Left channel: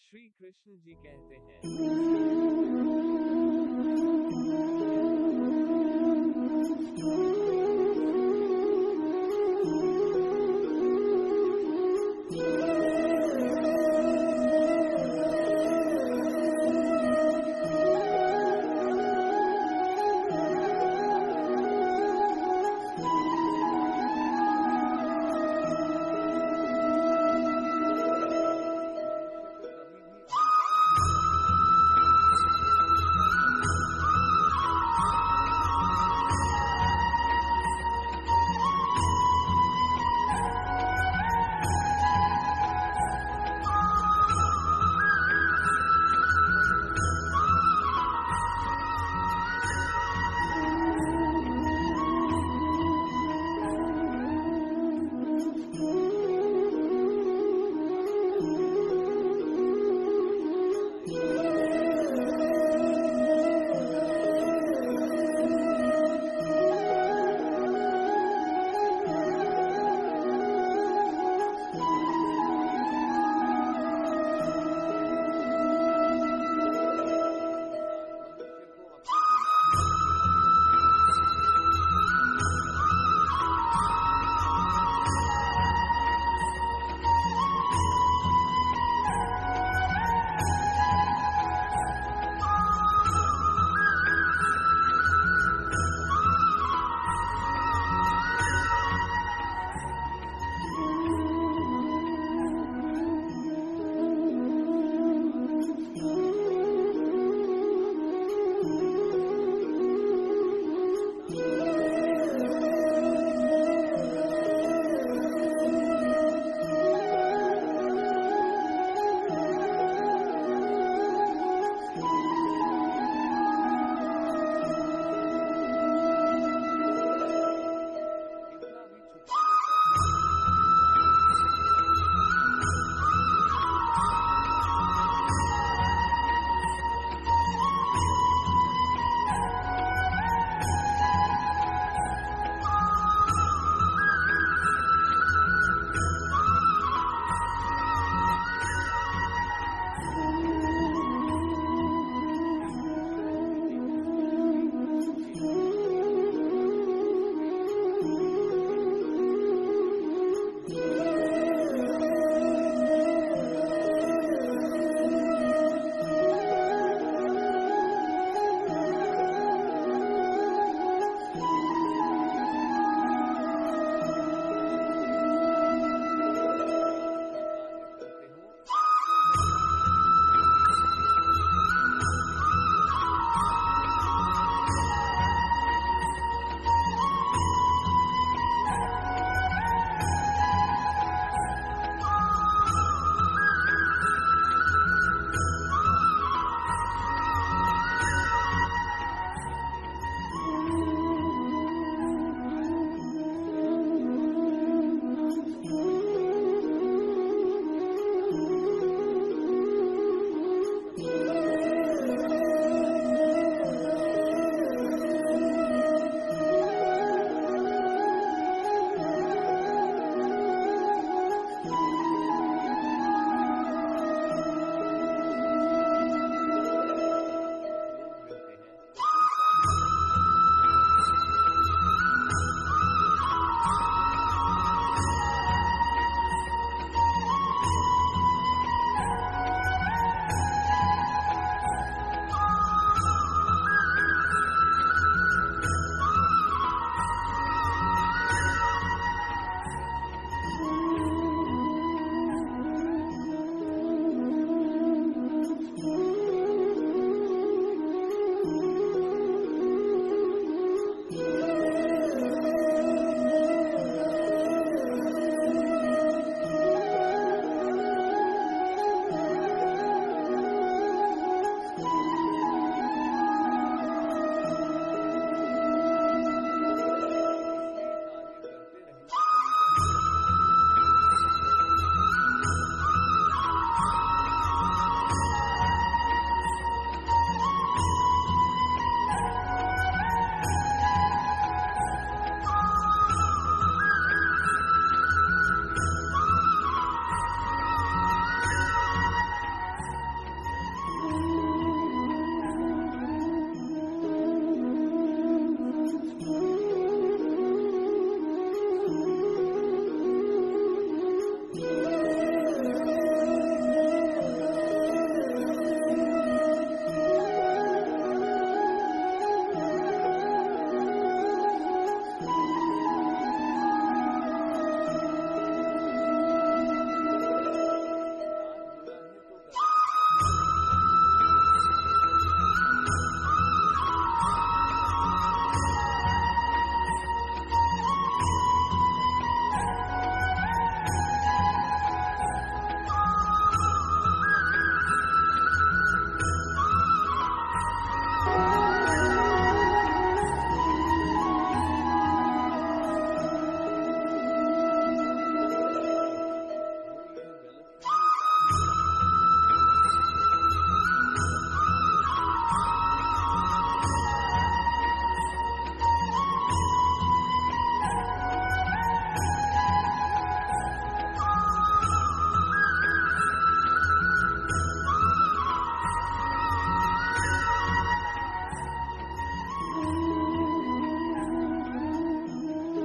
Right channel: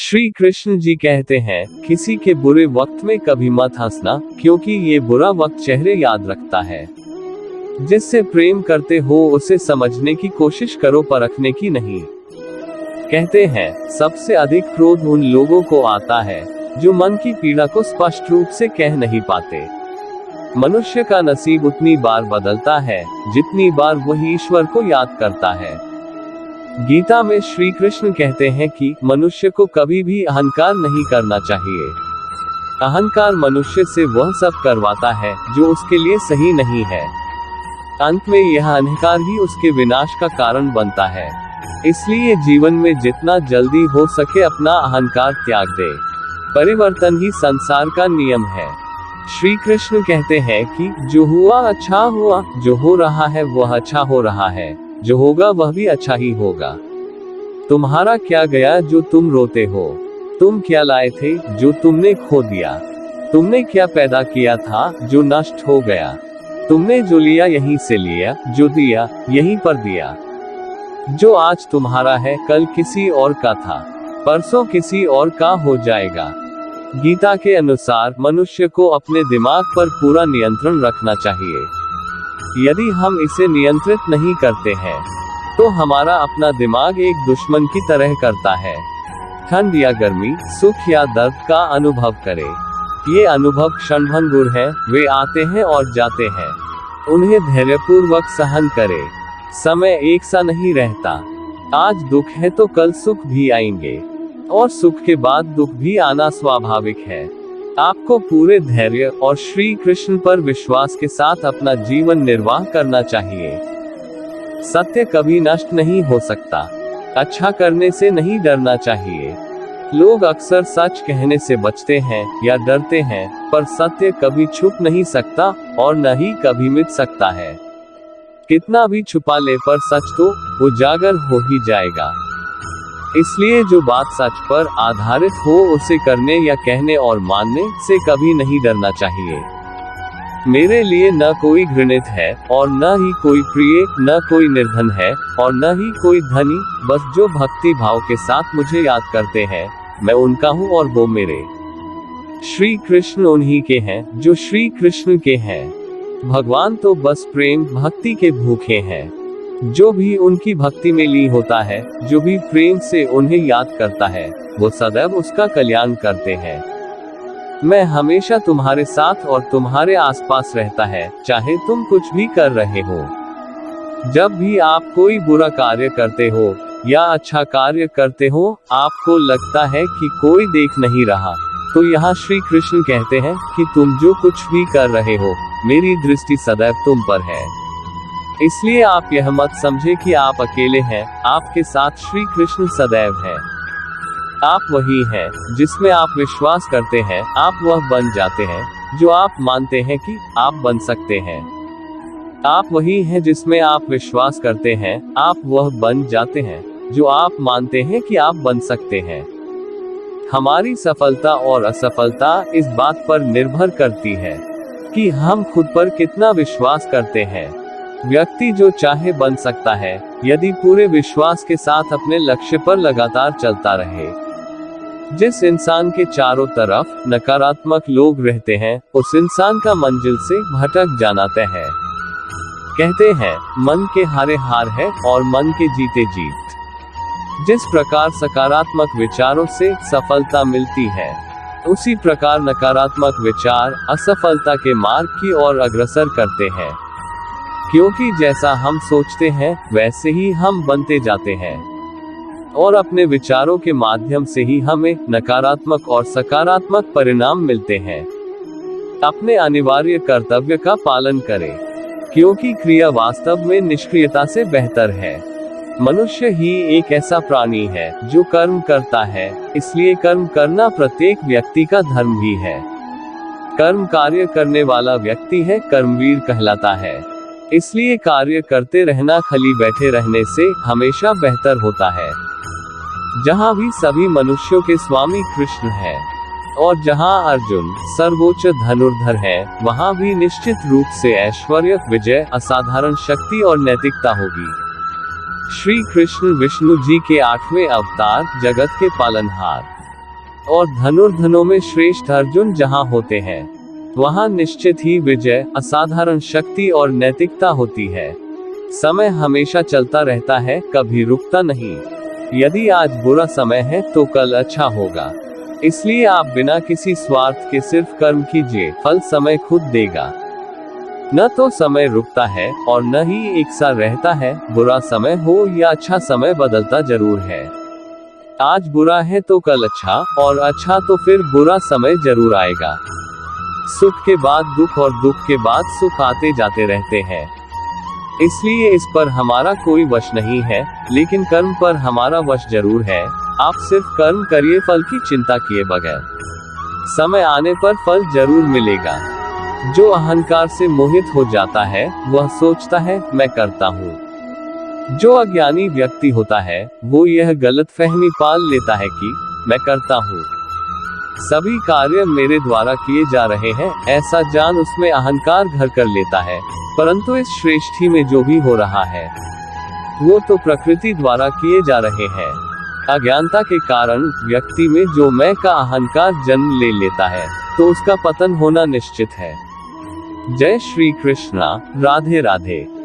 श्री कृष्ण जी कहते हैं, किसी के बुरे वक्त में कभी मत हंसना, क्योंकि ये बुरा वक्त चेहरे याद रखता है। जिससे प्रेम करते हो उसे समझने की कोशिश करो, परखने की नहीं। कहते हैं, सबसे अधिक क्रोध उन लोगों को आता है जो मन की पीड़ा को स्पष्ट रूप से कह नहीं पाते। मनुष्य का नसीब उतनी बार बदलता है जितनी बार वह ईश्वर को याद करता है। गीता में श्री कृष्ण कहते हैं कि मनुष्य को कभी भी अहंकार नहीं करना चाहिए। अहंकार मनुष्य से वह सब करवाता है जो उसके लिए सही नहीं है। अंत में यह अहंकार ही उसके विनाश का कारण बनता है। इसलिए जीवन में जितना जल्दी हो सके अपना अहंकार त्याग दे। परिवर्तन ही संसार का नियम है। श्री कृष्ण कहते हैं कि जो हुआ अच्छा हुआ, जो हो रहा है वह अच्छा हो रहा है, जो होगा वह भी अच्छा ही होगा। तुम्हारा क्या गया जो तुम रोते हो? तुम क्या लाए थे जो तुमने खो दिया? तुमने क्या पैदा किया था जो नष्ट हो गया? तुमने जो लिया यहीं से लिया, जो दिया यहीं पर दिया। जो आज तुम्हारा है कल किसी और का था, परसों किसी और का हो जाएगा। गीता के अनुसार मनुष्य को अपने दिमाग पर पूरा नियंत्रण रखना चाहिए। यदि हम इसे नियंत्रित नहीं करते हैं तो हमारा अपना दिमाग एक दुश्मन की तरह करता है। ठंड या गर्मी, सुख या दर्द का अनुभव करे। ये अनुभव क्षणभंगुर है, वे आते हैं और जाते हैं। उन्हें धैर्यपूर्वक सहन करे। समय एक सा नहीं रहता। आज दुख है तो कल सुख भी आएंगे, और सुख के बाद दुख भी आना स्वाभाविक है। आपको पूरे धैर्य और श्री कृष्ण पर विश्वास के साथ अपना जीवन निर्वाह करना चाहिए। सत्य कभी नष्ट नहीं हो सकता। अच्छा करने से नहीं डरना चाहिए। लोग अक्सर सच कहने से बचते हैं या डरते हैं, पर सत्य कभी छुप नहीं सकता और न ही कभी मिट सकता है। कितना भी छुपा ले पर सच तो उजागर हो ही जाएगा। इसलिए जो बात सच पर आधारित हो उसे करने या कहने और मानने से कभी नहीं डरना चाहिए। मेरे लिए न कोई घृणित है और न ही कोई प्रिय, न कोई निर्धन है और न ही कोई धनी, बस जो भक्ति भाव के साथ मुझे याद करते हैं, मैं उनका हूँ और वो मेरे। श्री कृष्ण उन्हीं के हैं जो श्री कृष्ण के हैं। भगवान तो बस प्रेम भक्ति के भूखे हैं। जो भी उनकी भक्ति में लीन होता है, जो भी प्रेम से उन्हें याद करता है, वो सदैव उसका कल्याण करते हैं। मैं हमेशा तुम्हारे साथ और तुम्हारे आसपास रहता है, चाहे तुम कुछ भी कर रहे हो। जब भी आप कोई बुरा कार्य करते हो या अच्छा कार्य करते हो, आपको लगता है कि कोई देख नहीं रहा, तो यहाँ श्री कृष्ण कहते हैं कि तुम जो कुछ भी कर रहे हो, मेरी दृष्टि सदैव तुम पर है। इसलिए आप यह मत समझे कि आप अकेले हैं, आपके साथ श्री कृष्ण सदैव हैं। आप वही हैं जिसमें आप विश्वास करते हैं, आप वह बन जाते हैं जो आप मानते हैं कि आप बन सकते हैं। आप वही हैं जिसमें आप विश्वास करते हैं, आप वह बन जाते हैं जो आप मानते हैं कि आप बन सकते हैं। हमारी सफलता और असफलता इस बात पर निर्भर करती है कि हम खुद पर कितना विश्वास करते हैं। व्यक्ति जो चाहे बन सकता है, यदि पूरे विश्वास के साथ अपने लक्ष्य पर लगातार चलता रहे। जिस इंसान के चारों तरफ नकारात्मक लोग रहते हैं, उस इंसान का मंजिल से भटक जाना तय है। कहते हैं, मन के हारे हार है और मन के जीते जीत। जिस प्रकार सकारात्मक विचारों से सफलता मिलती है, उसी प्रकार नकारात्मक विचार असफलता के मार्ग की ओर अग्रसर करते हैं। क्योंकि जैसा हम सोचते हैं वैसे ही हम बनते जाते हैं, और अपने विचारों के माध्यम से ही हमें नकारात्मक और सकारात्मक परिणाम मिलते हैं। अपने अनिवार्य कर्तव्य का पालन करें, क्योंकि क्रिया वास्तव में निष्क्रियता से बेहतर है। मनुष्य ही एक ऐसा प्राणी है जो कर्म करता है, इसलिए कर्म करना प्रत्येक व्यक्ति का धर्म भी है। कर्म कार्य करने वाला व्यक्ति है कर्मवीर कहलाता है। इसलिए कार्य करते रहना खाली बैठे रहने से हमेशा बेहतर होता है। जहाँ भी सभी मनुष्यों के स्वामी कृष्ण है, और जहाँ अर्जुन सर्वोच्च धनुर्धर है, वहाँ भी निश्चित रूप से ऐश्वर्य, विजय, असाधारण शक्ति और नैतिकता होगी। श्री कृष्ण विष्णु जी के 8वें अवतार, जगत के पालनहार। और धनुर्धनों में श्रेष्ठ अर्जुन जहां होते हैं, वहां निश्चित ही विजय, असाधारण शक्ति और नैतिकता होती है। समय हमेशा चलता रहता है, कभी रुकता नहीं। यदि आज बुरा समय है तो कल अच्छा होगा। इसलिए आप बिना किसी स्वार्थ के सिर्फ कर्म कीजिए, फल समय खुद देगा। न तो समय रुकता है और न ही एक सा रहता है। बुरा समय हो या अच्छा समय बदलता जरूर है। आज बुरा है तो कल अच्छा, और अच्छा तो फिर बुरा समय जरूर आएगा। सुख के बाद दुख और दुख के बाद सुख आते जाते रहते हैं। इसलिए इस पर हमारा कोई वश नहीं है, लेकिन कर्म पर हमारा वश जरूर है। आप सिर्फ कर्म करिए, फल की चिंता किए बगैर। समय आने पर फल जरूर मिलेगा। जो अहंकार से मोहित हो जाता है, वह सोचता है मैं करता हूँ। जो अज्ञानी व्यक्ति होता है, वो यह गलतफहमी पाल लेता है कि मैं करता हूँ, सभी कार्य मेरे द्वारा किए जा रहे हैं, ऐसा जान उसमें अहंकार घर कर लेता है। परंतु इस सृष्टि में जो भी हो रहा है, वो तो प्रकृति द्वारा किए जा रहे हैं। अज्ञानता के कारण व्यक्ति में जो मैं का अहंकार जन्म ले लेता है, तो उसका पतन होना निश्चित है। जय श्री कृष्णा। राधे राधे।